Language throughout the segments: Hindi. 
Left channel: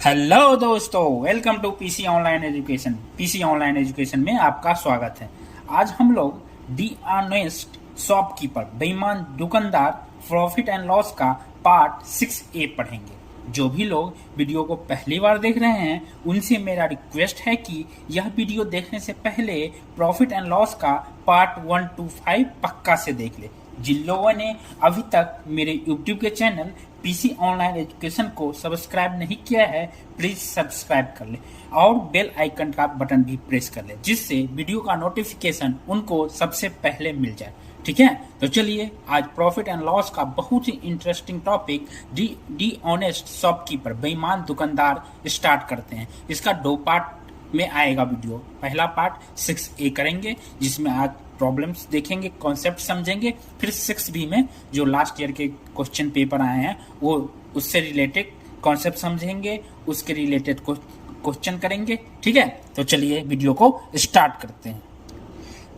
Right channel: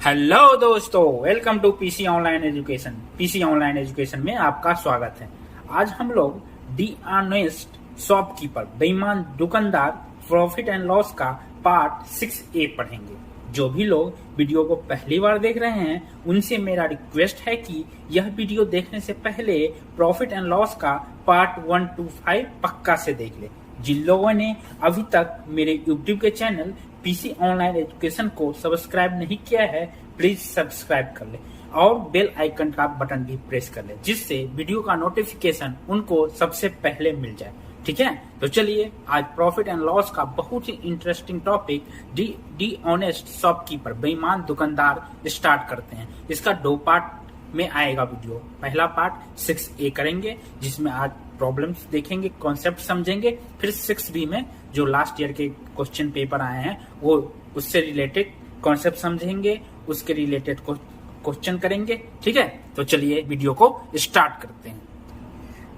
हेलो दोस्तों, welcome to PC online education. PC online education में आपका स्वागत है। आज हम लोग दी ऑनेस्ट शॉपकीपर बेईमान दुकानदार प्रॉफिट एंड लॉस का पार्ट 6A पढ़ेंगे। जो भी लोग वीडियो को पहली बार देख रहे हैं उनसे मेरा रिक्वेस्ट है कि यह वीडियो देखने से पहले प्रॉफिट एंड लॉस का पार्ट 1 to 5 पक्का से देख ले। जिन लोगों ने अभी तक मेरे यूट्यूब के चैनल पीसी ऑनलाइन एजुकेशन को सब्सक्राइब नहीं किया है, प्लीज सब्सक्राइब कर ले और बेल आइकन का बटन भी प्रेस कर ले, जिससे वीडियो का नोटिफिकेशन उनको सबसे पहले मिल जाए। ठीक है, तो चलिए आज प्रॉफिट एंड लॉस का बहुत ही interesting topic the honest shopkeeper बेईमान दुकानदार स्टार्ट करते हैं। इसका 2 पार्ट में आएगा वीडियो। पहला पार्ट 6A करेंगे जिसमें आज प्रॉब्लम्स देखेंगे, कॉन्सेप्ट समझेंगे, फिर 6B में जो लास्ट ईयर के क्वेश्चन पेपर आए हैं वो उससे रिलेटेड कॉन्सेप्ट समझेंगे, उसके रिलेटेड क्वेश्चन करेंगे। ठीक है, तो चलिए वीडियो को स्टार्ट करते हैं।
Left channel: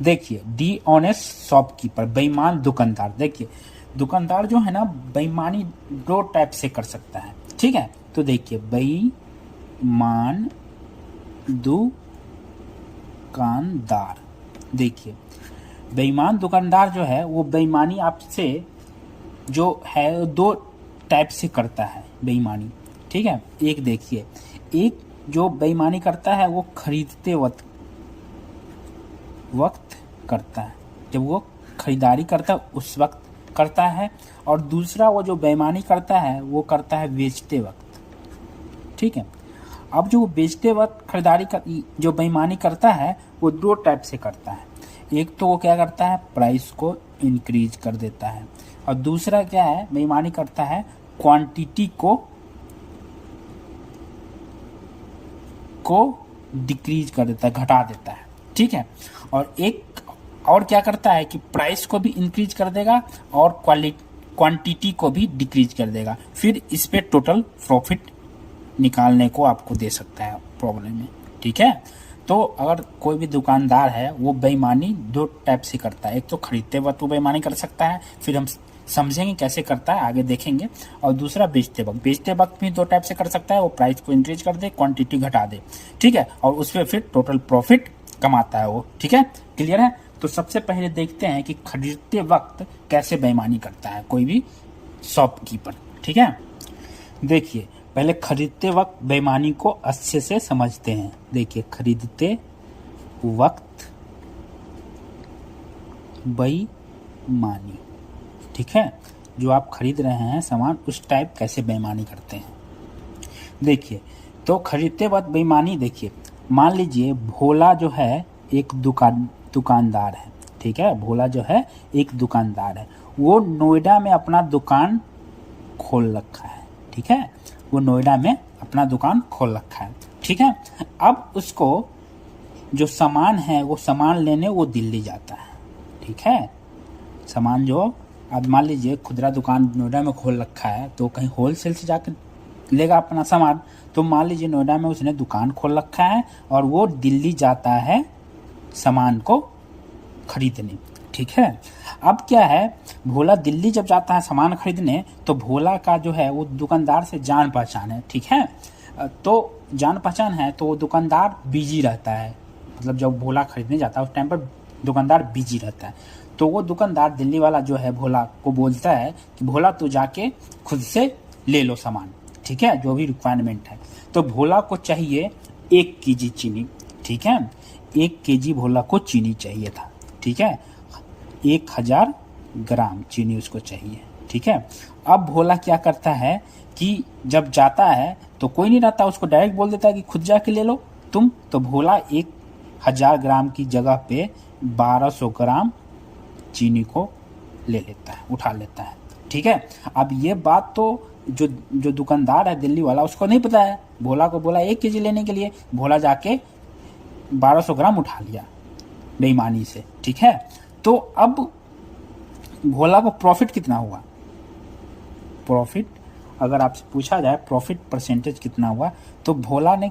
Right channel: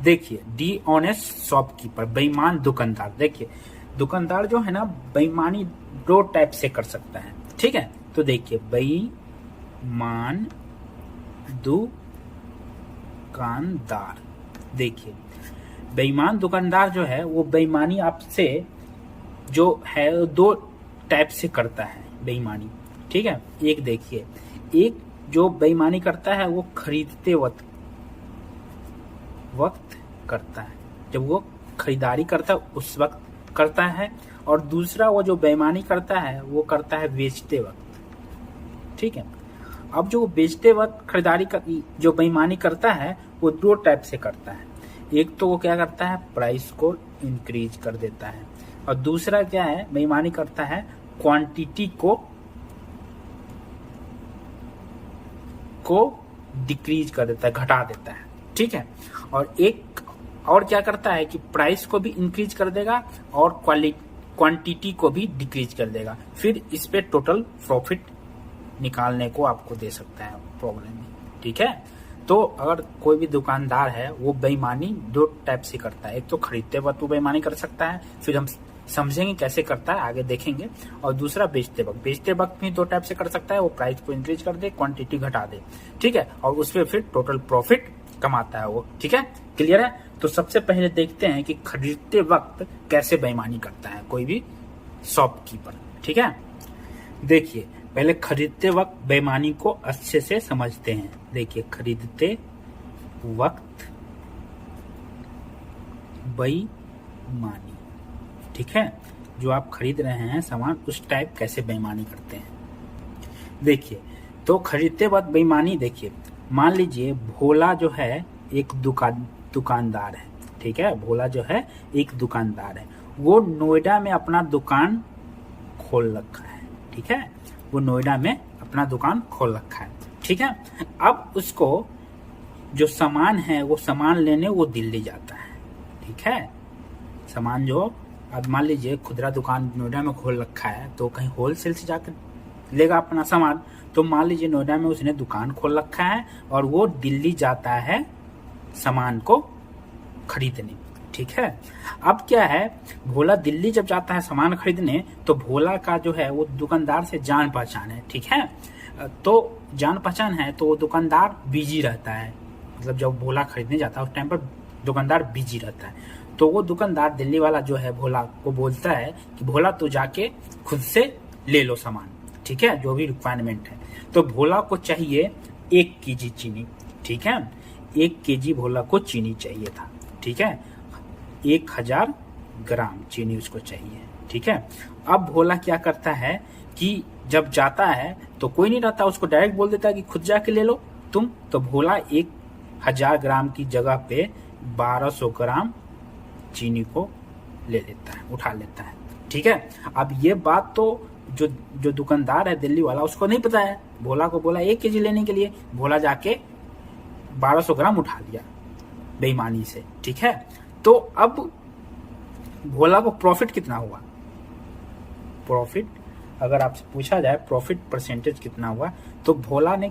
देखिए, डी ऑनेस्ट शॉपकीपर बेईमान दुकानदार। देखिए, दुकानदार जो है ना बेईमानी 2 टाइप से कर सकता है। ठीक है, तो देखिए बेईमान दुकानदार। देखिए बेईमान दुकानदार जो है वो बेईमानी आपसे जो है 2 टाइप से करता है बेईमानी। ठीक है, एक देखिए, एक जो बेईमानी करता है वो खरीदते वक्त करता है, जब वो खरीदारी करता है उस वक्त करता है, और दूसरा वो जो बेईमानी करता है वो करता है बेचते वक्त। ठीक है, अब जो बेचते वक्त खरीदारी जो बेईमानी करता है वो 2 टाइप से करता है। एक तो वो क्या करता है, प्राइस को इंक्रीज कर देता है, और दूसरा क्या है, बेईमानी करता है क्वांटिटी को डिक्रीज कर देता है, घटा देता है। ठीक है, और एक और क्या करता है कि प्राइस को भी इंक्रीज कर देगा और क्वांटिटी को भी डिक्रीज कर देगा, फिर इस पे टोटल प्रॉफिट निकालने को आपको दे सकता है प्रॉब्लम में। ठीक है, तो अगर कोई भी दुकानदार है वो बेईमानी 2 टाइप से करता है। एक तो खरीदते वक्त वो बेईमानी कर सकता है, फिर हम समझेंगे कैसे करता है, आगे देखेंगे। और दूसरा बेचते वक्त भी 2 टाइप से कर सकता है, वो प्राइस को इंक्रीज कर दे, क्वांटिटी घटा दे। ठीक है, और उस पर फिर टोटल प्रॉफिट कमाता है वो। ठीक है, क्लियर है। तो सबसे पहले देखते हैं कि खरीदते वक्त कैसे बेईमानी करता है कोई भी शॉपकीपर। ठीक है, देखिए पहले खरीदते वक्त बेईमानी को अच्छे से समझते हैं। देखिए, खरीदते वक्त बेईमानी। ठीक है, जो आप खरीद रहे हैं सामान उस टाइप कैसे बेईमानी करते हैं। देखिए, तो खरीदते वक्त बेईमानी, देखिए मान लीजिए भोला जो है एक दुकानदार है। ठीक है, भोला जो है एक दुकानदार है, वो नोएडा में अपना दुकान खोल रखा है। ठीक है, वो नोएडा में अपना दुकान खोल रखा है। ठीक है, अब उसको जो सामान है वो सामान लेने वो दिल्ली जाता है। ठीक है, सामान जो अब मान लीजिए खुदरा दुकान नोएडा में खोल रखा है तो कहीं होलसेल से जाकर लेगा अपना सामान। तो मान लीजिए नोएडा में उसने दुकान खोल रखा है और वो दिल्ली जाता है सामान को खरीदने। ठीक है, अब क्या है, भोला दिल्ली जब जाता है सामान खरीदने तो भोला का जो है वो दुकानदार से जान पहचान है। ठीक है, तो जान पहचान है तो वो दुकानदार बिजी रहता है, मतलब जब भोला खरीदने जाता है उस टाइम पर दुकानदार बिजी रहता है। तो वो दुकानदार दिल्ली वाला जो है भोला को बोलता है कि भोला तू जाके खुद से ले लो सामान। ठीक है, जो भी रिक्वायरमेंट है। तो भोला को चाहिए 1 kg चीनी। ठीक है, 1 kg भोला को चीनी चाहिए था। ठीक है, 1000 ग्राम चीनी उसको चाहिए। ठीक है, अब भोला क्या करता है कि जब जाता है तो कोई नहीं रहता, उसको डायरेक्ट बोल देता है कि खुद जाके ले लो तुम। तो भोला 1000 ग्राम की जगह पे 1200 ग्राम चीनी को ले लेता है, उठा लेता है। ठीक है, अब ये बात तो जो दुकानदार है दिल्ली वाला उसको नहीं पता है। भोला को बोला 1 kg लेने के लिए, भोला जाके 1200 ग्राम उठा लिया बेईमानी से। ठीक है, तो अब भोला को प्रॉफिट कितना हुआ, प्रॉफिट अगर आपसे पूछा जाए प्रॉफिट परसेंटेज कितना हुआ, तो भोला ने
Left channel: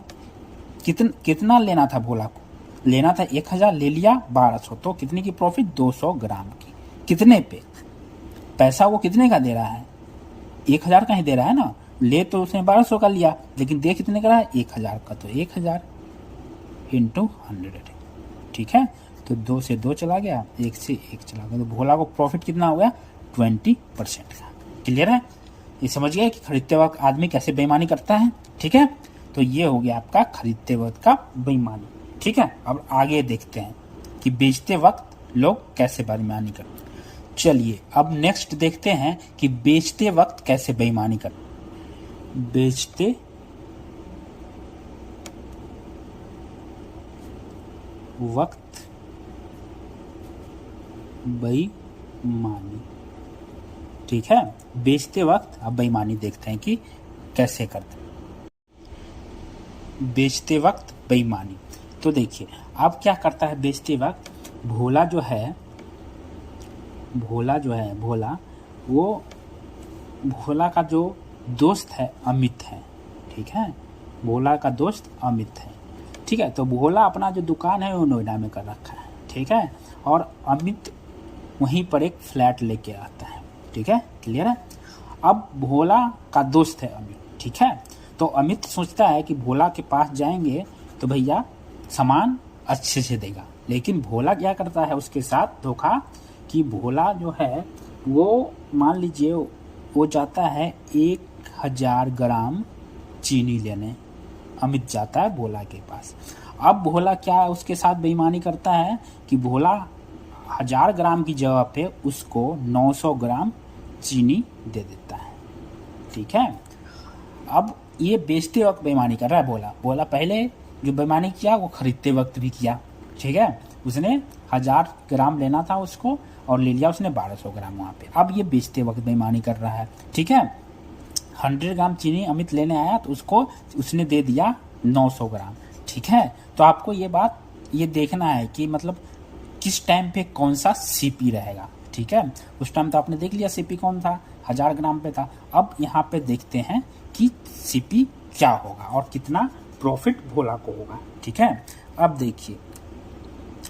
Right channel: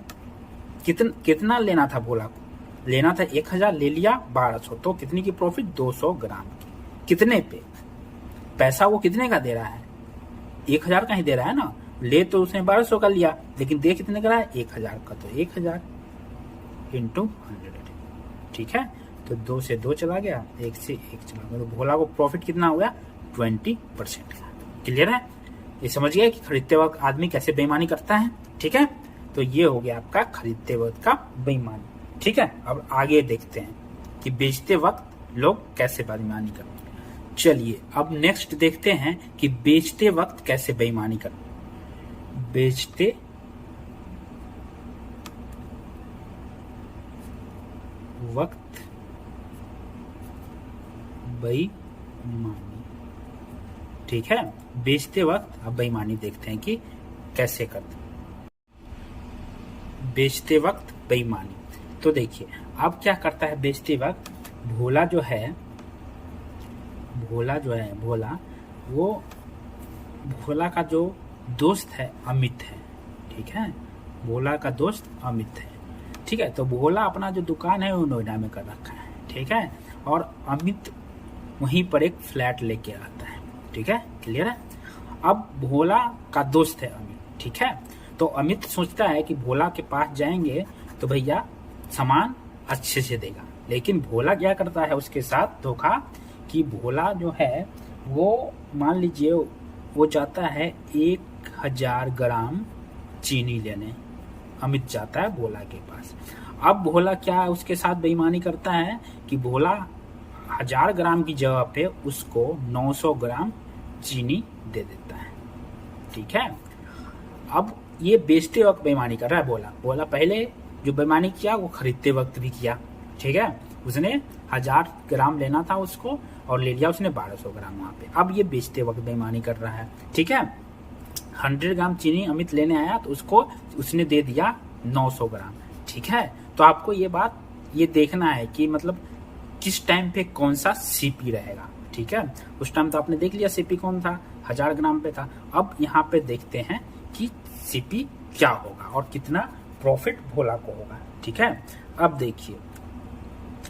कितना लेना था, भोला को लेना था 1000, ले लिया 1200, तो कितने की प्रॉफिट, 200 ग्राम की। कितने पे, पैसा वो कितने का दे रहा है, 1000 का ही दे रहा है ना, ले तो उसने 1200 का लिया, लेकिन दे कितने का रहा है, 1000 का, तो 1000 इंटू 100, ठीक है। तो 2 से 2 चला गया, 1 से 1 चला गया, तो भोला को प्रॉफिट कितना हो गया, 20% का। क्लियर है, ये समझ गया कि खरीदते वक्त आदमी कैसे बेईमानी करता है, ठीक है। तो ये हो गया आपका खरीदते वक्त का बेईमानी, ठीक है। अब आगे देखते हैं कि बेचते वक्त लोग कैसे बेईमानी करते हैं। चलिए अब नेक्स्ट देखते हैं कि बेचते वक्त कैसे बेईमानी करते हैं। बेचते वक्त बेईमानी, ठीक है। बेचते वक्त अब बेईमानी देखते हैं कि कैसे करते हैं बेचते वक्त बेईमानी। तो देखिए अब क्या करता है बेचते वक्त, भोला जो है वो भोला का जो दोस्त है अमित है, ठीक है। भोला का दोस्त अमित है, ठीक है। तो भोला अपना जो दुकान है वो नोएडा में कर रखा है, ठीक है। और अमित वहीं पर एक फ्लैट लेके आता है, ठीक है। क्लियर है। अब भोला का दोस्त है अमित, ठीक है। तो अमित सोचता है कि भोला के पास जाएंगे तो भैया सामान अच्छे से देगा, लेकिन भोला क्या करता है उसके साथ धोखा, कि भोला जो है वो मान लीजिए वो जाता है 1000 ग्राम चीनी लेने, अमित जाता है भोला के पास। अब भोला क्या उसके साथ बेईमानी करता है कि भोला 1000 ग्राम की जगह पे उसको 900 ग्राम चीनी दे देता है, ठीक है। अब ये बेचते वक्त बेईमानी कर रहा है भोला पहले जो बेईमानी किया वो खरीदते वक्त भी किया, ठीक है। उसने 1000 ग्राम लेना था उसको और ले लिया उसने 1200 ग्राम वहाँ पे। अब ये बेचते वक्त बेईमानी कर रहा है, ठीक है। 100 ग्राम चीनी अमित लेने आया तो उसको उसने दे दिया 900 ग्राम, ठीक है। तो आपको ये देखना है कि मतलब किस टाइम पे कौन सा सीपी रहेगा, ठीक है। उस टाइम तो आपने देख लिया सीपी कौन था, 1000 ग्राम पे था। अब यहाँ पे देखते हैं कि सीपी क्या होगा और कितना प्रॉफिट भोला को होगा, ठीक है। अब देखिए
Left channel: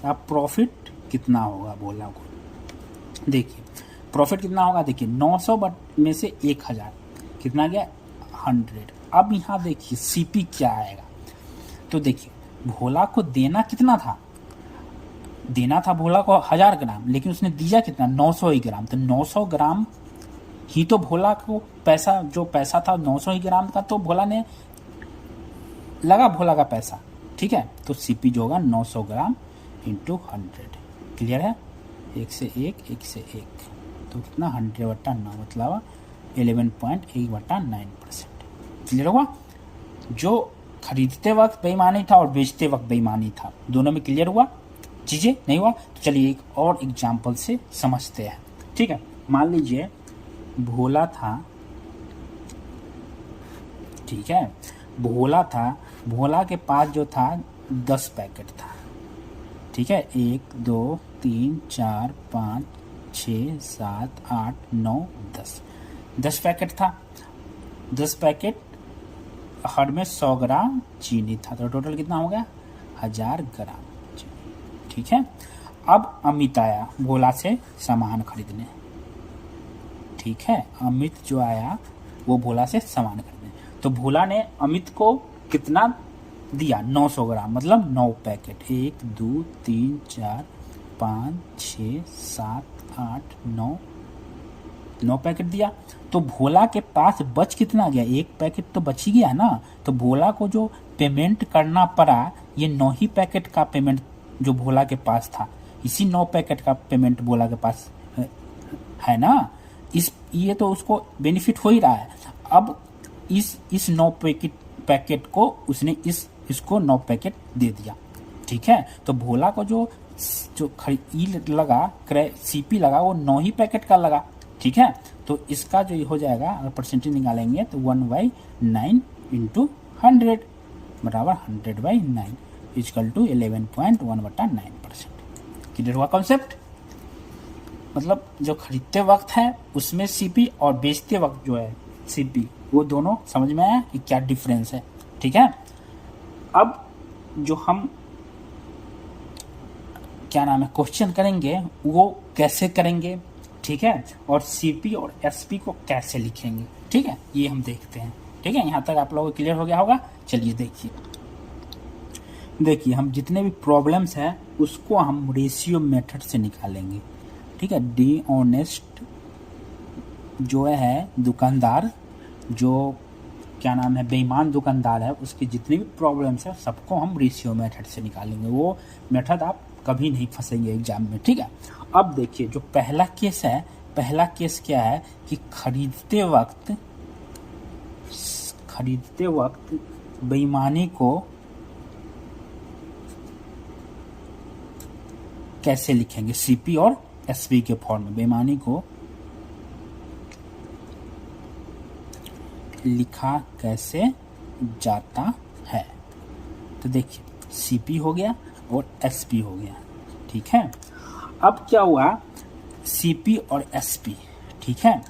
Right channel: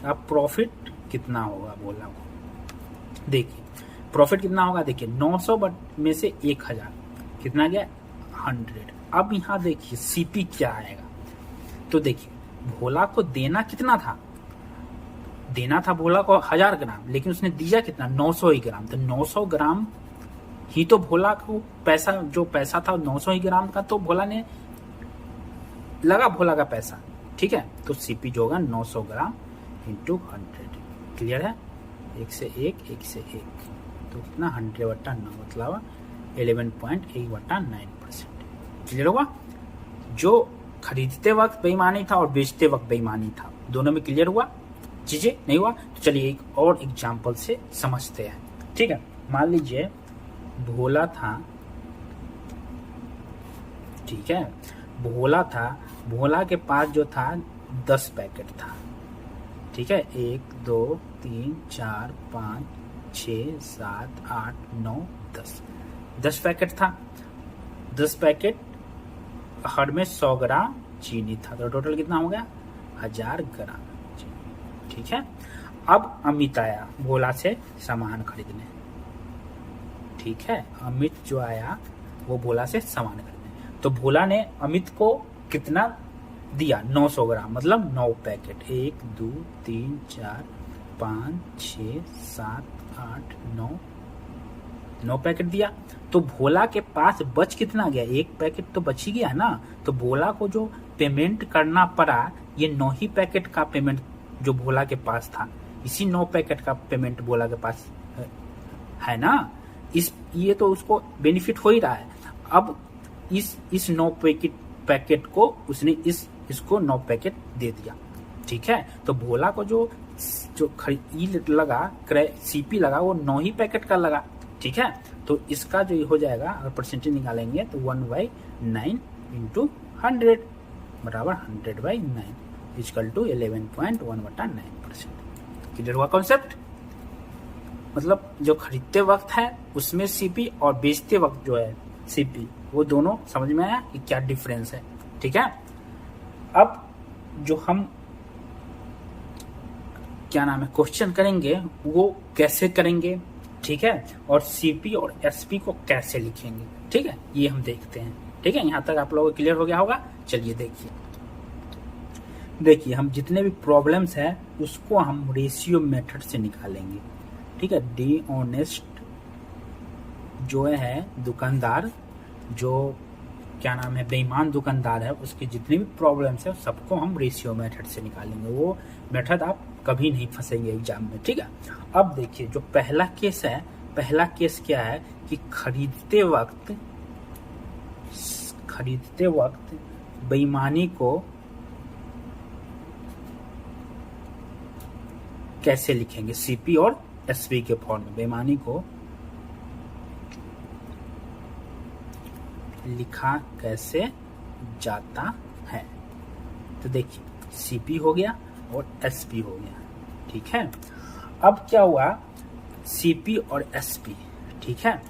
अब प्रॉफिट कितना होगा भोला को, देखिए प्रॉफिट कितना होगा, देखिए 900 में से 1000 कितना गया, 100। अब यहाँ देखिए सीपी क्या आएगा, तो देखिए भोला को देना कितना था, देना था भोला को 1000 ग्राम, लेकिन उसने दिया कितना, 900 ही ग्राम। तो 900 ग्राम ही तो भोला को पैसा था 900 ही ग्राम का, तो भोला ने लगा भोला का पैसा, ठीक है। तो सीपी जो होगा 900 ग्राम इंटू 100, क्लियर है। 1 से 1 तो कितना 100/9 मतलब 11.1/9%, क्लियर होगा। जो खरीदते वक्त बेईमानी था और बेचते वक्त बेईमानी था, दोनों में क्लियर हुआ, चीजें नहीं हुआ। तो चलिए एक और एग्जाम्पल से समझते हैं, ठीक है। मान लीजिए भोला था, ठीक है, भोला के पास जो था 10 पैकेट था, ठीक है। 1 2 3 4 5 6 7 8 9 10 पैकेट था। 10 पैकेट हर में 100 ग्राम चीनी था, तो टोटल कितना हो गया, 1000 ग्राम चीनी, ठीक है। अब अमित आया भोला से सामान खरीदने, ठीक है। अमित जो आया वो भोला से सामान खरीदने, तो भोला ने अमित को कितना दिया, 900 ग्राम मतलब 9 पैकेट, 1 2 3 4 5 6 7 8 9 पैकेट दिया। तो भोला के पास बच कितना गया, 1 पैकेट तो बच ही गया ना। तो भोला को जो पेमेंट करना पड़ा, ये 9 ही पैकेट का पेमेंट जो भोला के पास था, इसी 9 पैकेट का पेमेंट भोला के पास है ना। ये तो उसको बेनिफिट हो ही रहा है। अब इस 9 पैकेट को उसने इसको 9 पैकेट दे दिया, ठीक है। तो भोला को जो लगा सीपी लगा वो 9 ही पैकेट का लगा, ठीक है। तो इसका जो हो जाएगा, अगर परसेंटेज निकालेंगे तो 1/9 इंटू 100 बराबर 100/9 इक्वल टू 11.1/9%। क्लियर हुआ कॉन्सेप्ट। मतलब जो खरीदते वक्त है उसमें सीपी और बेचते वक्त जो है सीपी, वो दोनों समझ में आया कि क्या डिफरेंस है, ठीक है। अब जो हम क्या नाम है क्वेश्चन करेंगे वो कैसे करेंगे, ठीक है, और सीपी और एसपी को कैसे लिखेंगे, ठीक है, ये हम देखते हैं। ठीक है, यहाँ तक आप लोगों को क्लियर हो गया होगा। चलिए देखिए हम जितने भी प्रॉब्लम्स है उसको हम रेशियो मेथड से निकालेंगे। ठीक है, डी ऑनेस्ट जो है दुकानदार, जो क्या नाम है बेईमान दुकानदार है, उसकी जितनी भी प्रॉब्लम्स है सबको हम रेशियो मेथड से निकालेंगे। वो मेथड आप कभी नहीं फंसेंगे एग्जाम में। ठीक है, अब देखिए जो पहला केस है, पहला केस क्या है कि खरीदते वक्त बेईमानी को कैसे लिखेंगे, सीपी और एसपी के फॉर्म में बेईमानी को लिखा कैसे जाता है। तो देखिए सीपी हो गया और एसपी हो गया। ठीक है, अब क्या हुआ, सीपी और एसपी। ठीक है,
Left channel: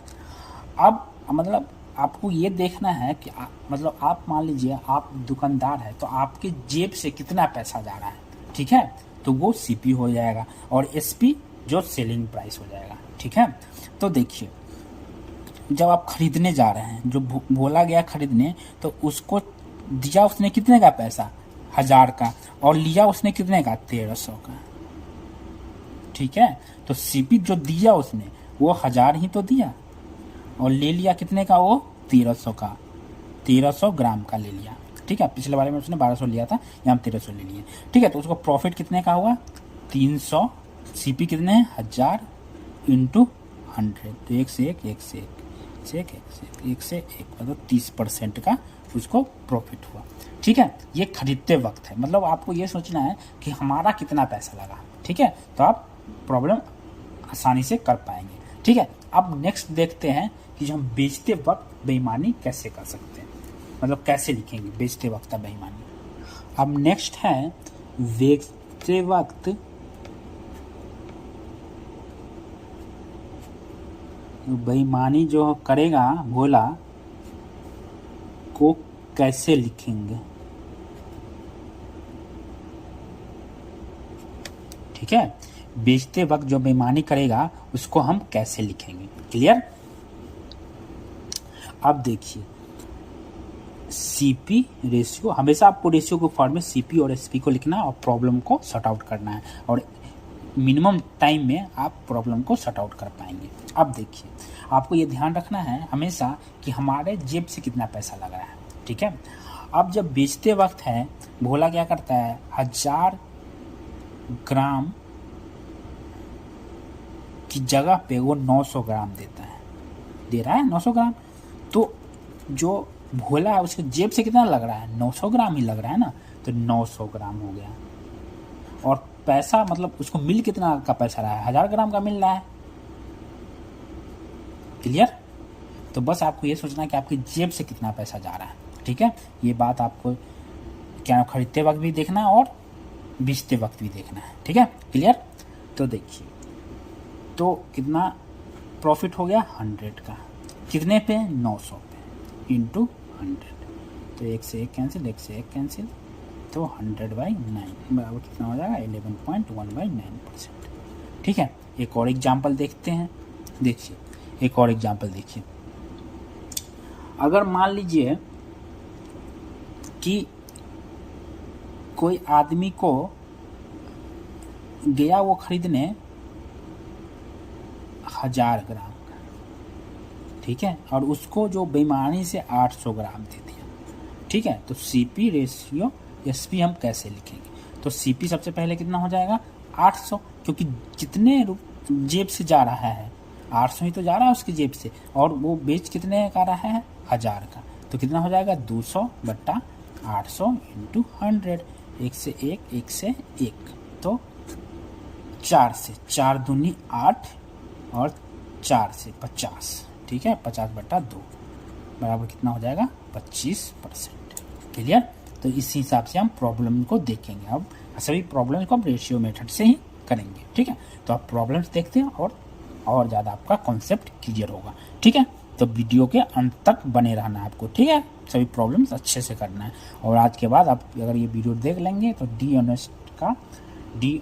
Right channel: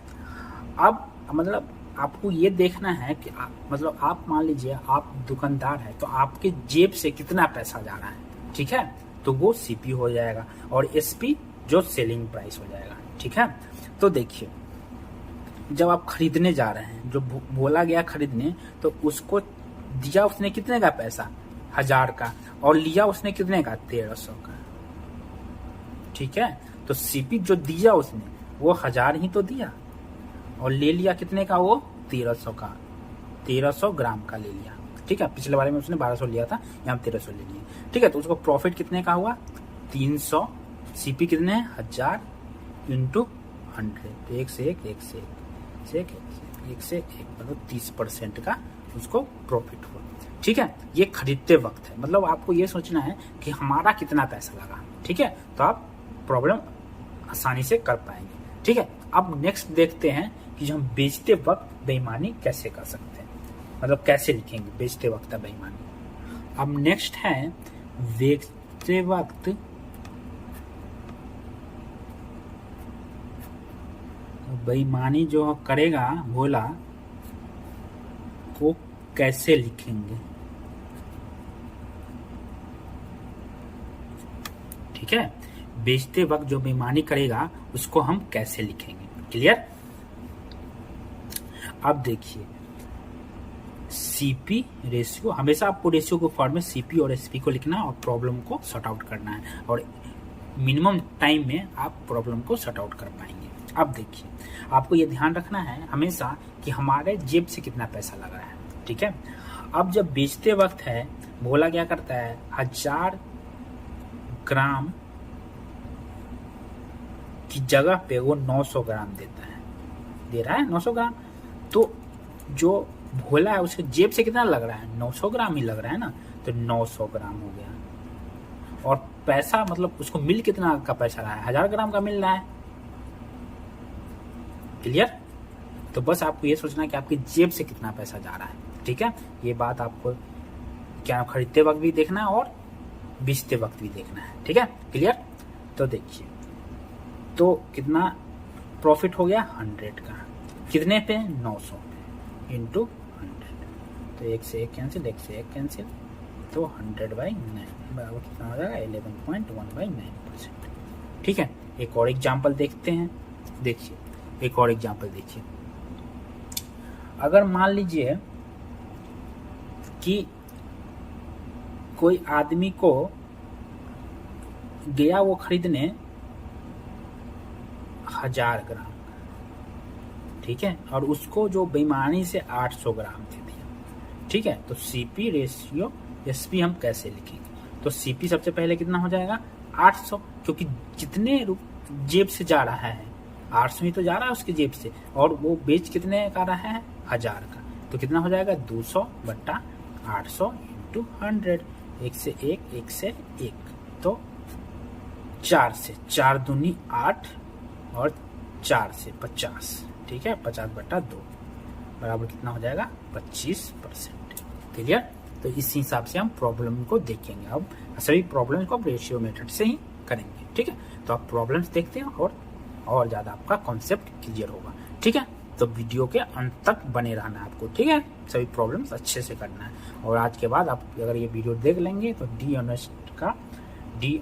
अब मतलब आपको ये देखना है कि मतलब आप मान लीजिए आप दुकानदार है तो आपके जेब से कितना पैसा जा रहा है। ठीक है, तो वो सीपी हो जाएगा और एसपी जो सेलिंग प्राइस हो जाएगा। ठीक है, तो देखिए जब आप खरीदने जा रहे हैं, जो बोला गया खरीदने, तो उसको दिया उसने कितने का पैसा, 1000 का, और लिया उसने कितने का, 1300 का। ठीक है, तो सीपी जो दिया उसने वो 1000 ही तो दिया और ले लिया कितने का, वो 1300 का, 1300 ग्राम का ले लिया। ठीक है, पिछले बारे में उसने 1200 लिया था, यहाँ 1300 ले लिए। ठीक है, तो उसको प्रॉफिट कितने का हुआ, 300। सीपी कितने हैं, 1000 इंटू 100, तो 1 से 1 मतलब 30% का उसको प्रॉफिट हुआ। ठीक है, ये खरीदते वक्त है, मतलब आपको ये सोचना है कि हमारा कितना पैसा लगा। ठीक है, तो आप प्रॉब्लम आसानी से कर पाएंगे। ठीक है, अब नेक्स्ट देखते हैं कि जो हम बेचते वक्त बेईमानी कैसे कर सकते हैं, मतलब कैसे लिखेंगे बेचते वक्त बेईमानी। अब नेक्स्ट है बेचते वक्त बेईमानी जो करेगा भोला को कैसे लिखेंगे। ठीक है, बेचते वक्त जो बेईमानी करेगा उसको हम कैसे लिखेंगे, क्लियर। अब देखिए सीपी रेशियो, हमेशा आपको रेशियो के फॉर्म में सीपी और एसपी को लिखना है और प्रॉब्लम को सॉर्ट आउट करना है, और मिनिमम टाइम में आप प्रॉब्लम को सॉर्ट आउट कर पाएंगे। अब देखिए आपको ये ध्यान रखना है हमेशा कि हमारे जेब से कितना पैसा लग रहा है। ठीक है, अब जब बेचते वक्त है, भोला क्या करता है, 1000 ग्राम की जगह पे वो 900 ग्राम दे रहा है 900 ग्राम। तो जो भोला है उसके जेब से कितना लग रहा है, 900 ग्राम ही लग रहा है ना, तो 900 ग्राम हो गया। और पैसा मतलब उसको मिल कितना का पैसा रहा है, 1000 ग्राम का मिल रहा है, क्लियर। तो बस आपको ये सोचना है कि आपकी जेब से कितना पैसा जा रहा है। ठीक है, ये बात आपको क्या खरीदते वक्त भी देखना है और बेचते वक्त भी देखना है। ठीक है, क्लियर। तो देखिए तो कितना प्रॉफिट हो गया, 100 का, कितने पे, 900 पे, इंटू 100, तो 1 से 1 कैंसिल, 1 से 1 कैंसिल, तो 100/9 बराबर कितना हो जाएगा, 11.1/9%। ठीक है, एक और एग्जाम्पल देखते हैं। देखिए एक और एग्जाम्पल देखिए, अगर मान लीजिए कि कोई आदमी को गया वो खरीदने 1000 ग्राम, ठीक है, और उसको जो बेईमानी से 800 ग्राम दे दिया। ठीक है, तो सीपी रेशियो एसपी हम कैसे लिखेंगे, तो सीपी सबसे पहले कितना हो जाएगा, 800, क्योंकि जितने जेब से जा रहा है 800 ही तो जा रहा है उसकी जेब से, और वो बेच कितने का रहा है, 1000 का, तो कितना हो जाएगा, 200/800 इंटू 100, 1 से 1, 1 से 1, तो 4 से 4 दूनी 8 और 4 से 50। ठीक है, 50/2 बराबर कितना हो जाएगा, 25%। क्लियर। तो इस हिसाब से हम प्रॉब्लम को देखेंगे। अब सभी प्रॉब्लम्स को हम रेशियो मेथड से ही करेंगे। ठीक है, तो आप प्रॉब्लम्स देखते हैं और ज़्यादा आपका कॉन्सेप्ट क्लियर होगा। ठीक है, तो वीडियो के अंत तक बने रहना है आपको। ठीक है, सभी प्रॉब्लम्स अच्छे से करना है, और आज के बाद आप अगर ये वीडियो देख लेंगे तो डी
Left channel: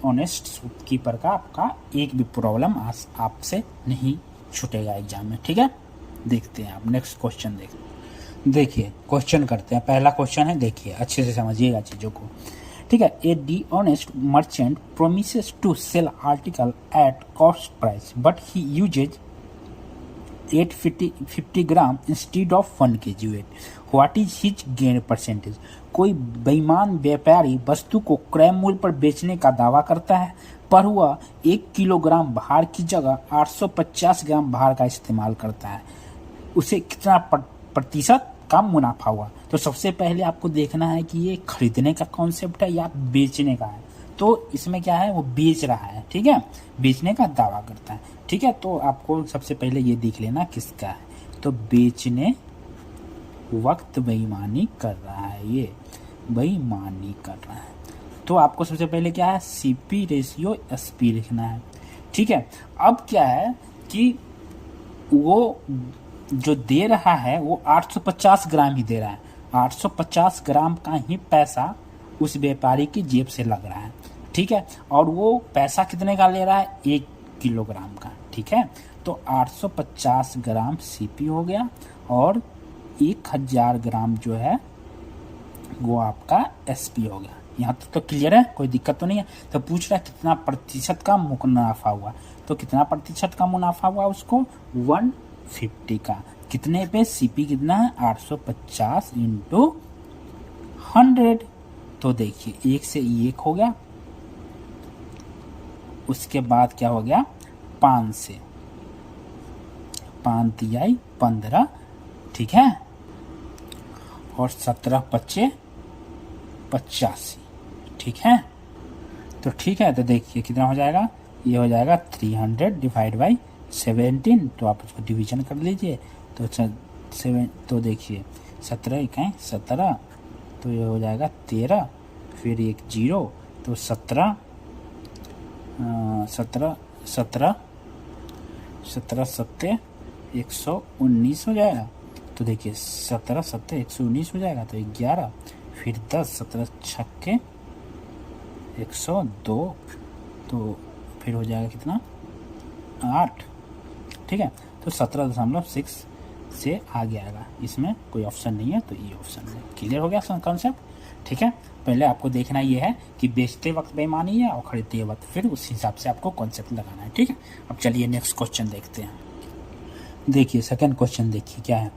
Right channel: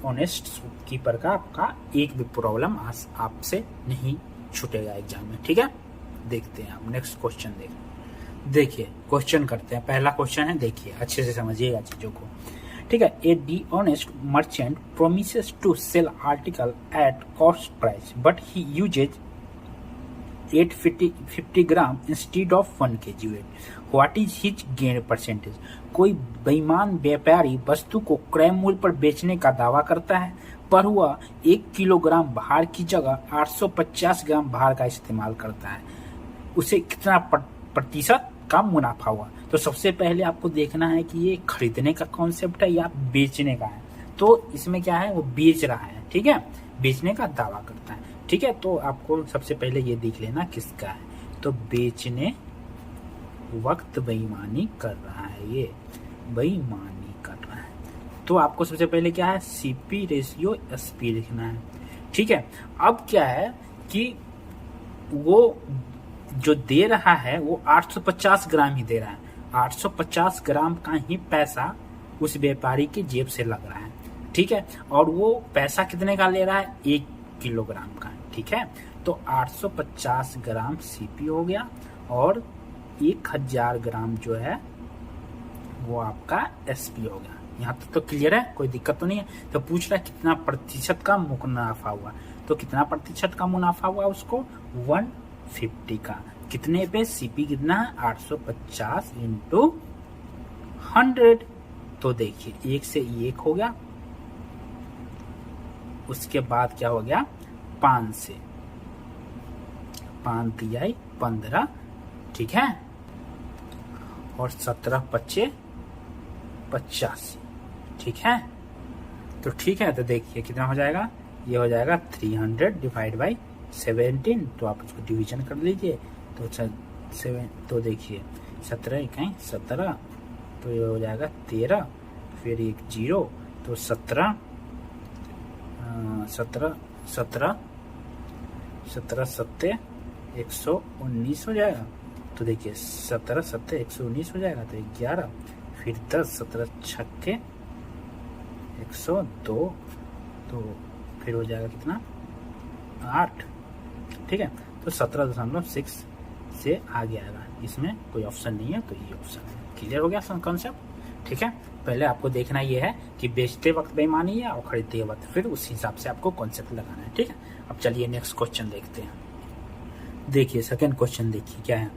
ऑनेस्ट कीपर का आपका एक भी प्रॉब्लम आपसे नहीं छूटेगा एग्जाम में। ठीक है, देखते हैं आप नेक्स्ट क्वेश्चन देखते हैं। देखिए क्वेश्चन करते हैं, पहला क्वेश्चन है, देखिए अच्छे से समझिएगा चीज़ों को, ठीक है। A dishonest merchant promises to sell article at cost price but he uses 850 gram instead of 1 kg weight, what is his gain percentage. कोई बेईमान व्यापारी वस्तु को क्रय मूल्य पर बेचने का दावा करता है पर वह 1 किलोग्राम भार की जगह 850 ग्राम भार का इस्तेमाल करता है, उसे कितना प्रतिशत का मुनाफा हुआ। तो सबसे पहले आपको देखना है कि ये खरीदने का कॉन्सेप्ट है या बेचने का है। तो इसमें क्या है, वो बेच रहा है, ठीक है, बेचने का दावा करता है, ठीक है। तो आपको सबसे पहले ये देख लेना किसका है, तो बेचने वक्त बेईमानी कर रहा है, ये बेईमानी कर रहा है। तो आपको सबसे पहले क्या है, सीपी रेशियो एसपी लिखना है, ठीक है। अब क्या है कि वो जो दे रहा है वो 850 ग्राम ही दे रहा है, 850 ग्राम का ही पैसा उस व्यापारी की जेब से लग रहा है, ठीक है। और वो पैसा कितने का ले रहा है, 1 किलोग्राम का, ठीक है। तो 850 ग्राम सीपी हो गया और 1000 ग्राम जो है वो आपका एसपी हो गया। यहाँ तक तो क्लियर है, कोई दिक्कत तो नहीं है। तो पूछ रहा है कितना प्रतिशत का मुनाफा हुआ, तो कितना प्रतिशत का मुनाफा हुआ उसको, 150 का, कितने पे, सीपी कितना है 850 इंटू 100। तो देखिए 1 से 1 हो गया, उसके बाद क्या हो गया 5 से 5 तिहाई 15, ठीक है, और 17 पच्चे 85, ठीक है। तो ठीक है, तो देखिए कितना हो जाएगा, ये हो जाएगा 300 डिवाइड बाई 17। तो आप उसको डिवीजन कर लीजिए, तो 7, तो देखिए 17 इकाई 17, तो ये हो जाएगा 13, फिर एक 0, तो 17 सत्ते 119 हो जाएगा। तो देखिए 17 सत्ते 119 हो जाएगा, तो 11, फिर 10, 17 छक्के 102, तो फिर हो जाएगा कितना 8, ठीक है। तो 17.6 से आगे आएगा, इसमें कोई ऑप्शन नहीं है, तो ये ऑप्शन है। क्लियर हो गया कॉन्सेप्ट, ठीक है। पहले आपको देखना ये है कि बेचते वक्त बेईमानी है और खरीदते वक्त, फिर उस हिसाब से आपको कॉन्सेप्ट लगाना है, ठीक है। अब चलिए नेक्स्ट क्वेश्चन देखते हैं। देखिए सेकंड क्वेश्चन देखिए क्या है,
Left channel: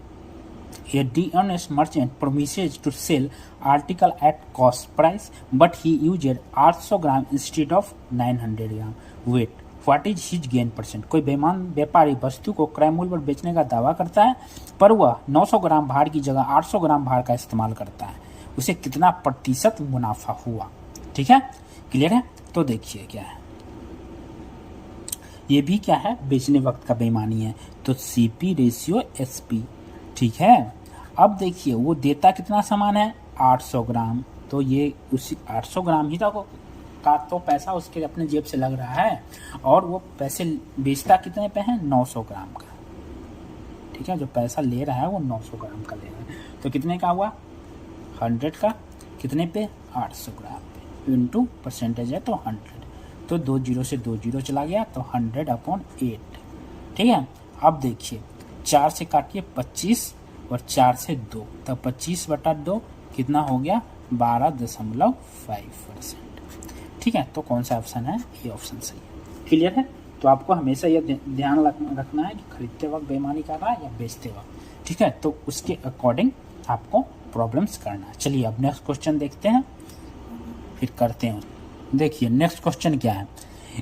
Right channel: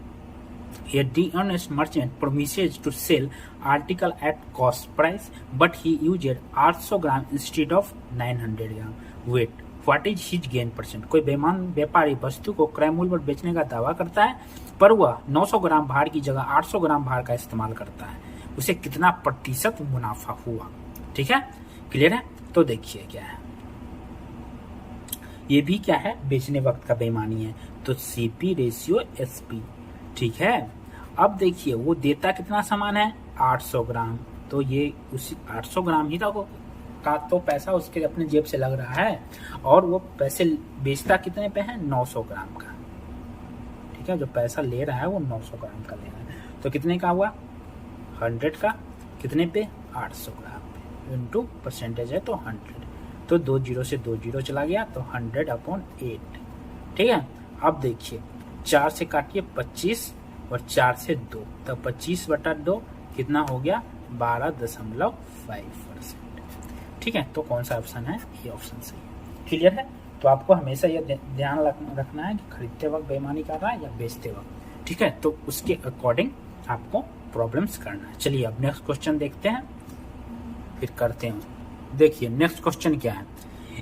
A dishonest merchant promises to sell article at cost price, but he used 800 gram instead of 900 gram weight. What is his gain percent? कोई बेईमान व्यापारी वस्तु को क्रय मूल्य पर बेचने का दावा करता है पर वह 900 ग्राम भार की जगह 800 ग्राम भार का इस्तेमाल करता है, उसे कितना प्रतिशत मुनाफा हुआ, ठीक है। क्लियर है। तो देखिए क्या है, ये भी क्या है, बेचने वक्त का बेईमानी है, तो सीपी रेशियो एसपी, ठीक है। अब देखिए वो देता कितना सामान है 800 ग्राम, तो ये उसी 800 ग्राम ही का तो पैसा उसके अपने जेब से लग रहा है, और वो पैसे बेचता कितने पे है 900 ग्राम का, ठीक है। जो पैसा ले रहा है वो 900 ग्राम का ले रहा है, तो कितने का हुआ 100 का, कितने पे 800 ग्राम पे, इंटू परसेंटेज है तो 100, तो 2 0 से 2 0 चला गया, तो 100/8, ठीक है। अब देखिए 4 से काटिए 25 और 4 से 2, तब 25/2 कितना हो गया 12.5%, ठीक है। तो कौन सा ऑप्शन है, ये ऑप्शन सही है। क्लियर है। तो आपको हमेशा ये ध्यान रखना है कि खरीदते वक्त बेईमानी कर रहा है या बेचते वक्त, ठीक है। तो उसके अकॉर्डिंग आपको प्रॉब्लम्स करना है। चलिए अब नेक्स्ट क्वेश्चन देखते हैं, फिर करते हैं। देखिए नेक्स्ट क्वेश्चन क्या है,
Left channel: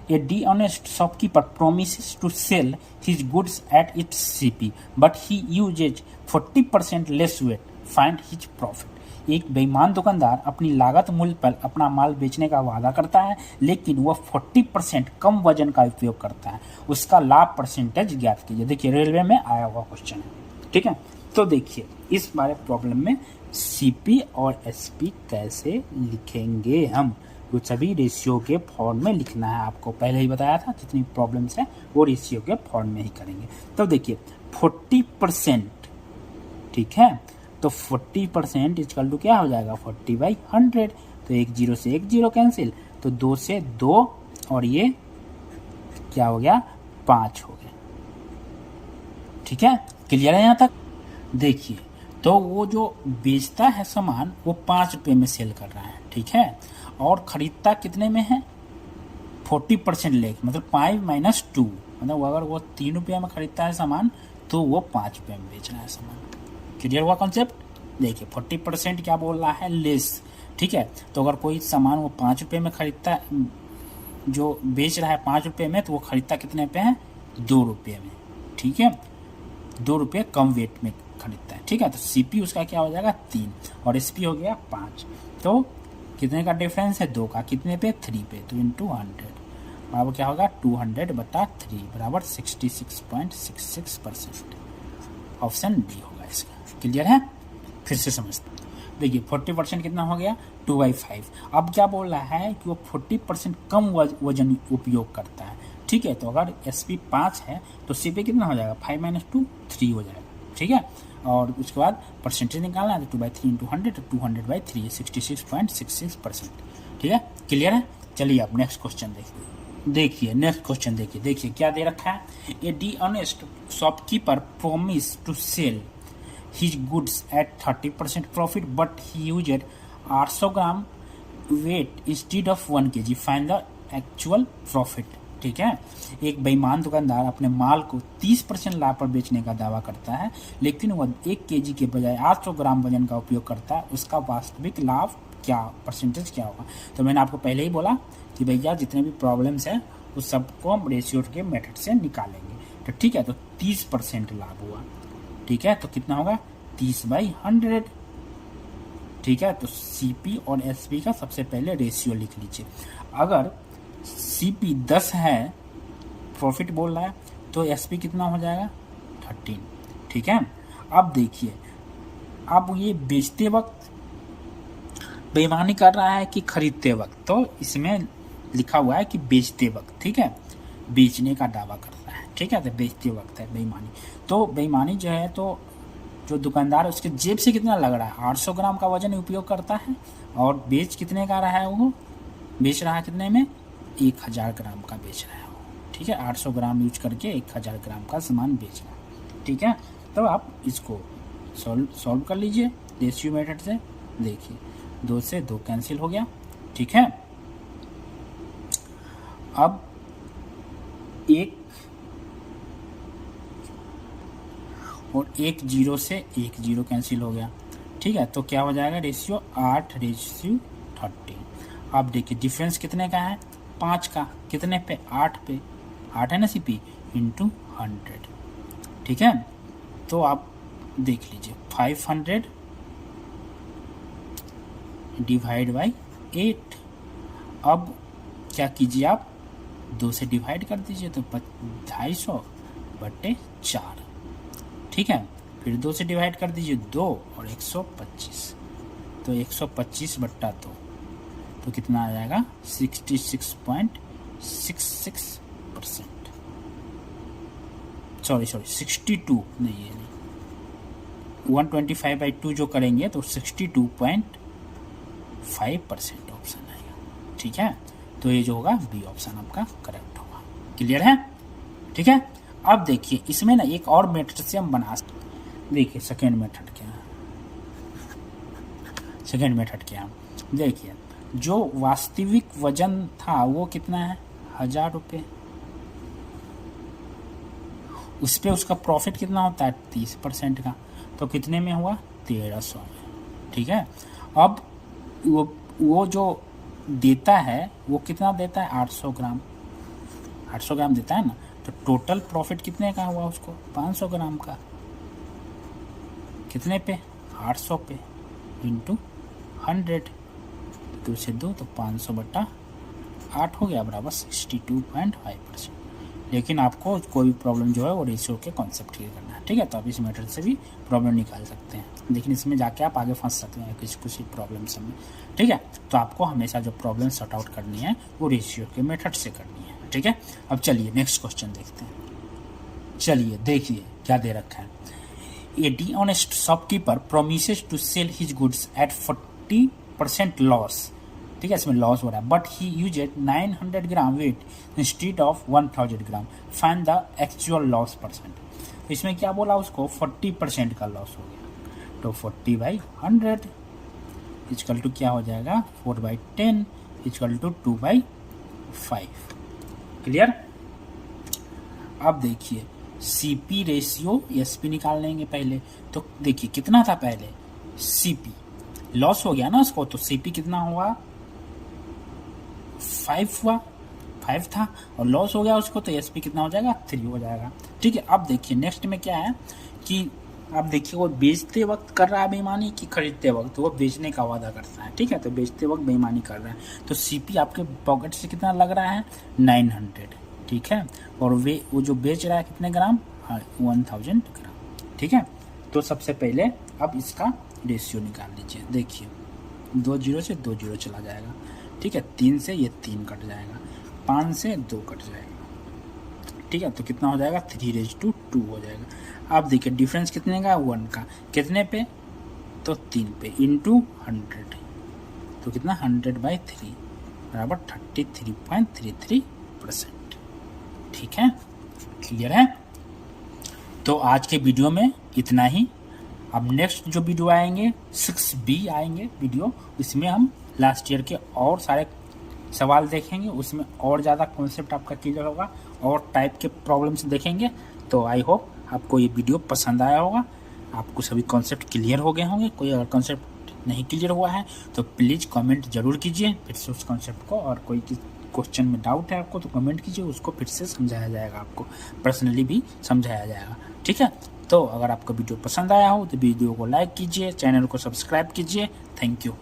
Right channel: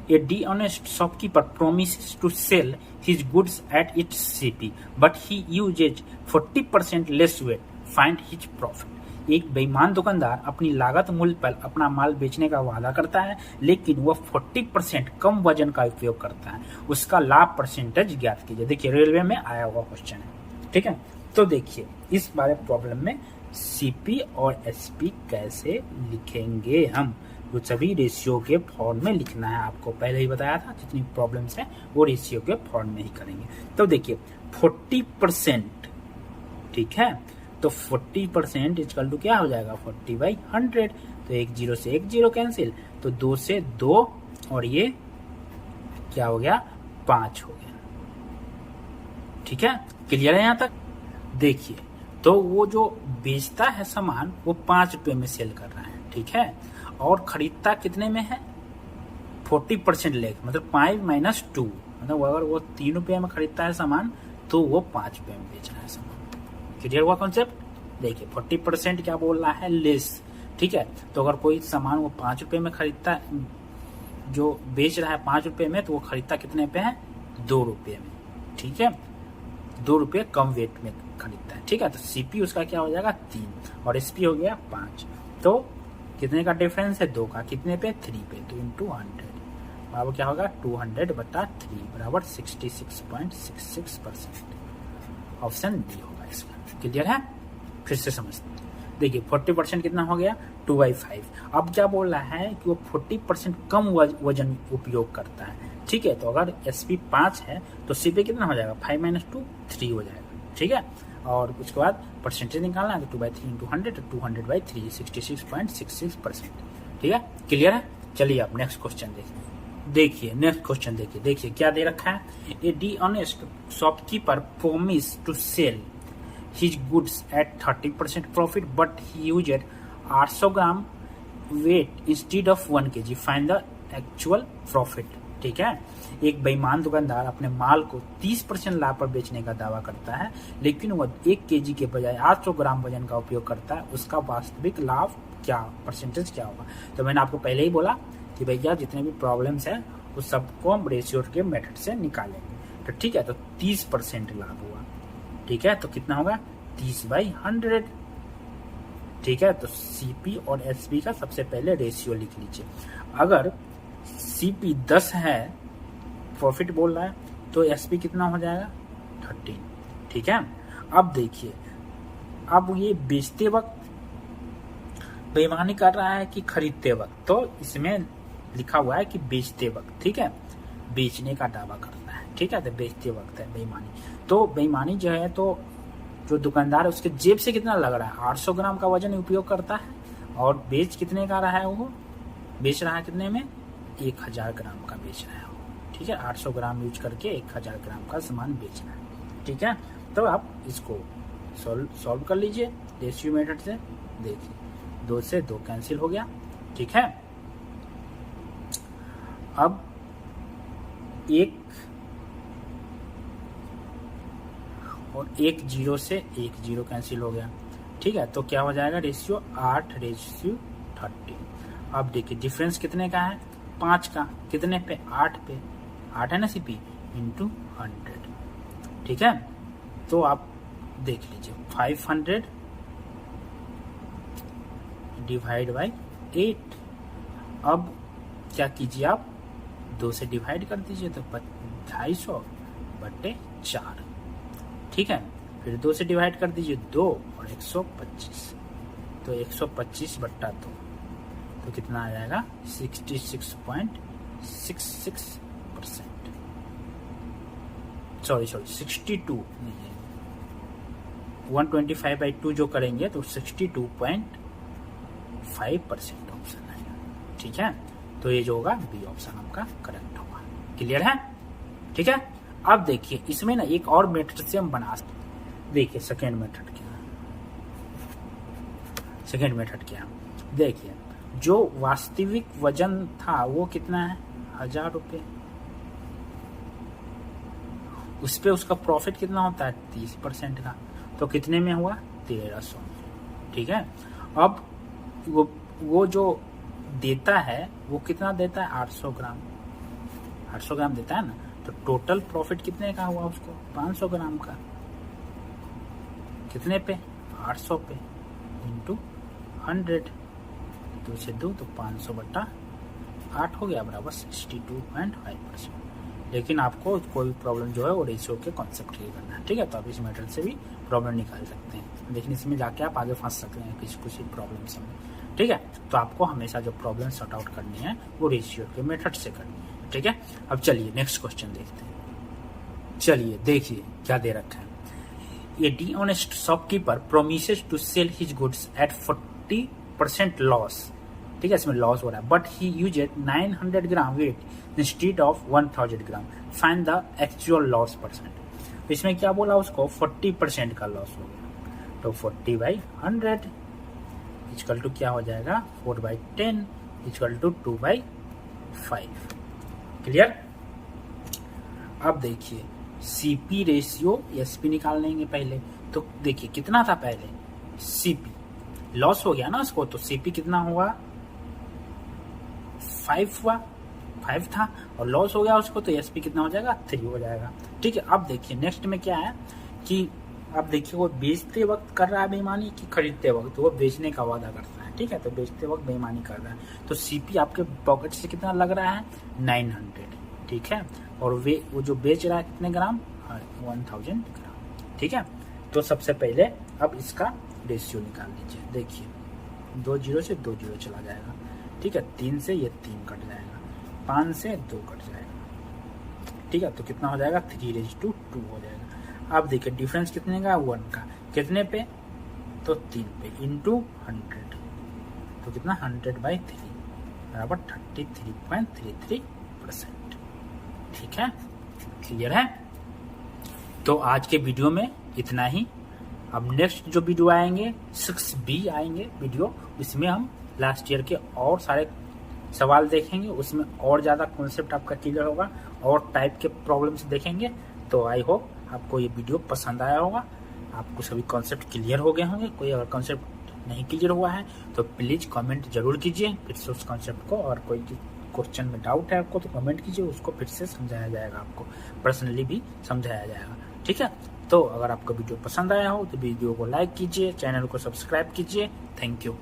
A dishonest shopkeeper promises to sell his goods at its CP, but he uses 40% less weight. Find his profit. एक बेईमान दुकानदार अपनी लागत मूल्य पर अपना माल बेचने का वादा करता है, लेकिन वह 40% कम वजन का उपयोग करता है, उसका लाभ परसेंटेज ज्ञात कीजिए। देखिए रेलवे में आया हुआ क्वेश्चन है, ठीक है। तो देखिए इस बारे प्रॉब्लम में सीपी और एसपी कैसे लिखेंगे हम, वो सभी रेशियो के फॉर्म में लिखना है। आपको पहले ही बताया था, जितनी प्रॉब्लम्स है वो रेशियो के फॉर्म में ही करेंगे। तो देखिए 40%, ठीक है, तो 40% इक्वल टू क्या हो जाएगा 40/100, तो 1 0 से 1 0 कैंसिल, तो 2 से 2, और ये क्या हो गया 5 हो गया, ठीक है। क्लियर है यहाँ तक। देखिए तो वो जो बेचता है सामान वो 5 रुपये में सेल कर रहा है, ठीक है, और खरीदता कितने में है 40% लेके, मतलब 5 - 2, मतलब अगर वो 3 रुपये में खरीदता है सामान तो वो 5 रुपये में बेच रहा है सामान। क्लियर हुआ कॉन्सेप्ट? देखिए 40% क्या बोल रहा है, लेस, ठीक है। तो अगर कोई सामान वो 5 रुपये में खरीदता है, जो बेच रहा है 5 रुपये में, तो वो खरीदता कितने पे है 2 रुपये में, ठीक है, 2 रुपये कम वेट में खरीदता है, ठीक है। तो सीपी उसका क्या हो जाएगा 3 और एसपी हो गया 5, तो कितने का डिफरेंस है 2 का, कितने पे 3 पे, तो इंटू 100 बराबर क्या होगा 200/3 बराबर 66.66%। ऑप्शन डी होगा इसका। क्लियर है? फिर से समझते हैं। देखिए 40% कितना हो गया 2/5। अब क्या बोल रहा है कि वो 40% कम वजन उपयोग करता है, ठीक है। तो अगर एसपी 5 है तो सीपी कितना हो जाएगा 5 - 2 3 हो जाएगा, ठीक है। और उसके बाद परसेंटेज निकालना है तो 2/3 इंटू 100 तो 200/3 66.66%, ठीक है। क्लियर है? चलिए अब नेक्स्ट क्वेश्चन देखिए नेक्स्ट क्वेश्चन देखिए क्या दे रखा है, a D honest shopkeeper promise to sell his goods at 30% profit but he used 800 gram weight instead of 1 kg. Find the actual profit. ठीक है, एक बेईमान दुकानदार अपने माल को 30% लाभ पर बेचने का दावा करता है, लेकिन वह 1 केजी के बजाय 800 ग्राम वजन का उपयोग करता है। उसका वास्तविक लाभ क्या, परसेंटेज क्या होगा? तो मैंने आपको पहले ही बोला कि भैया जितने भी प्रॉब्लम्स हैं उस सबको हम रेशियो के मेथड से निकालेंगे। तो ठीक है, तो 30% लाभ हुआ, ठीक है, तो कितना होगा 30/100, ठीक है। तो सीपी और एसपी का सबसे पहले रेशियो लिख लीजिए। अगर सीपी 10 है, प्रॉफिट बोल रहा है, तो एसपी कितना हो जाएगा 13, ठीक है। अब देखिए, अब ये बेचते वक्त बेईमानी कर रहा है कि खरीदते वक्त, तो इसमें लिखा हुआ है कि बेचते वक्त, ठीक है, बेचने का दावा करता है, ठीक है। तो बेचते वक्त है बेईमानी, तो बेईमानी जो है, तो जो दुकानदार है उसके जेब से कितना लग रहा है 800 ग्राम का वजन उपयोग करता है, और बेच कितने का रहा है, वो बेच रहा है कितने में 1000 ग्राम का बेच रहा है वो, ठीक है। 800 ग्राम यूज करके 1000 ग्राम का सामान बेच रहा है, ठीक है। तो आप इसको सॉल्व कर लीजिए रेशियो मेथड से। देखिए 2 से 2 कैंसिल हो गया, ठीक है। अब एक और 1 0 से 1 0 कैंसिल हो गया, ठीक है। तो क्या हो जाएगा रेशियो 8/30। अब देखिए डिफरेंस कितने का है 5 का, कितने पे 8 पे, 8 है ना सीपी, इंटू 100, ठीक है। तो आप देख लीजिए 500 डिवाइड बाई 8। अब क्या कीजिए आप 2 से डिवाइड कर दीजिए, तो 250/4, ठीक है। फिर 2 से डिवाइड कर दीजिए 2 और 125, तो 125/2, तो कितना आ जाएगा 66.66%, सॉरी 62 नहीं है, 125/2 जो करेंगे तो 62.5% ऑप्शन आएगा, ठीक है। तो ये जो होगा बी ऑप्शन आपका करेक्ट होगा। क्लियर है? ठीक है। अब देखिए इसमें ना एक और मेथड से हम बना सकते। देखिए सेकेंड मेथड क्या है, देखिए जो वास्तविक वजन था वो कितना है 1000 रुपये, उस पर उसका प्रॉफिट कितना होता है 30% का, तो कितने में हुआ 1300 में, ठीक है। अब वो जो देता है वो कितना देता है 800 ग्राम देता है ना, तो टोटल प्रॉफिट कितने का हुआ उसको 500 ग्राम का, कितने पे 800 पे इंटू 100, 2 से 2 तो 500/8 हो गया बराबर 62.5%। लेकिन आपको कोई भी प्रॉब्लम जो है वो रेशियो के कॉन्सेप्ट क्लियर करना है, ठीक है। तो आप इस मेथड से भी प्रॉब्लम निकाल सकते हैं, लेकिन इसमें जाके आप आगे फंस सकते हैं किसी प्रॉब्लम से में, ठीक है। तो आपको हमेशा जो प्रॉब्लम सॉर्ट आउट करनी है वो रेशियो के मेथड से करनी है, ठीक है। अब चलिए नेक्स्ट क्वेश्चन देखते हैं। चलिए देखिए क्या दे रखा है, a D honest shopkeeper promises to sell his goods at 40% loss, ठीक है, इसमें लॉस हो रहा है, but he used 900 gram weight instead of 1000 gram, find the actual loss percent. तो इसमें क्या बोला उसको 40% का लॉस हो गया, तो 40/100 इक्वल टू क्या हो जाएगा 4/10 इक्वल टू 2/5। क्लियर। अब देखिए सीपी रेशियो एसपी निकाल लेंगे पहले। तो देखिए कितना था पहले, सीपी लॉस हो गया ना उसको, तो सीपी कितना हुआ 5 हुआ, 5 था और लॉस हो गया उसको, तो एसपी कितना हो जाएगा 3 हो जाएगा। ठीक है। अब देखिए नेक्स्ट में क्या है कि अब देखिए वो बेचते वक्त कर रहा है बेईमानी कि खरीदते वक्त, वो बेचने का वादा करता है। ठीक है, तो बेचते वक्त बेईमानी कर रहा है। तो सीपी आपके पॉकेट से कितना लग रहा है 900। ठीक है, और वो जो बेच रहा है कितने ग्राम 1000 ग्राम। ठीक है, तो सबसे पहले अब इसका रेशियो निकाल लीजिए। देखिए 2 0 से 2 0 चला जाएगा। ठीक है, 3 से ये 3 कट जाएगा, 5 से 2 कट जाएगा। ठीक है, तो कितना हो जाएगा 3:2 हो जाएगा। अब देखिए डिफरेंस कितने का 1 का, कितने पे तो 3 पे इंटू 100, तो कितना 100/3 बराबर 33.33%। ठीक है, क्लियर है। तो आज के वीडियो में इतना ही। अब नेक्स्ट जो वीडियो आएंगे 6B आएंगे वीडियो, इसमें हम लास्ट ईयर के और सारे सवाल देखेंगे, उसमें और ज़्यादा कॉन्सेप्ट आपका क्लियर होगा और टाइप के प्रॉब्लम्स देखेंगे। तो आई होप आपको ये वीडियो पसंद आया होगा, आपको सभी कॉन्सेप्ट क्लियर हो गए होंगे। कोई अगर कॉन्सेप्ट नहीं क्लियर हुआ है तो प्लीज़ कमेंट जरूर कीजिए फिर से उस कॉन्सेप्ट को, और कोई क्वेश्चन में डाउट है आपको तो कमेंट कीजिए, उसको फिर से समझाया जाएगा, आपको पर्सनली भी समझाया जाएगा। ठीक है, तो अगर आपको वीडियो पसंद आया हो तो वीडियो को लाइक कीजिए, चैनल को सब्सक्राइब कीजिए। Thank you.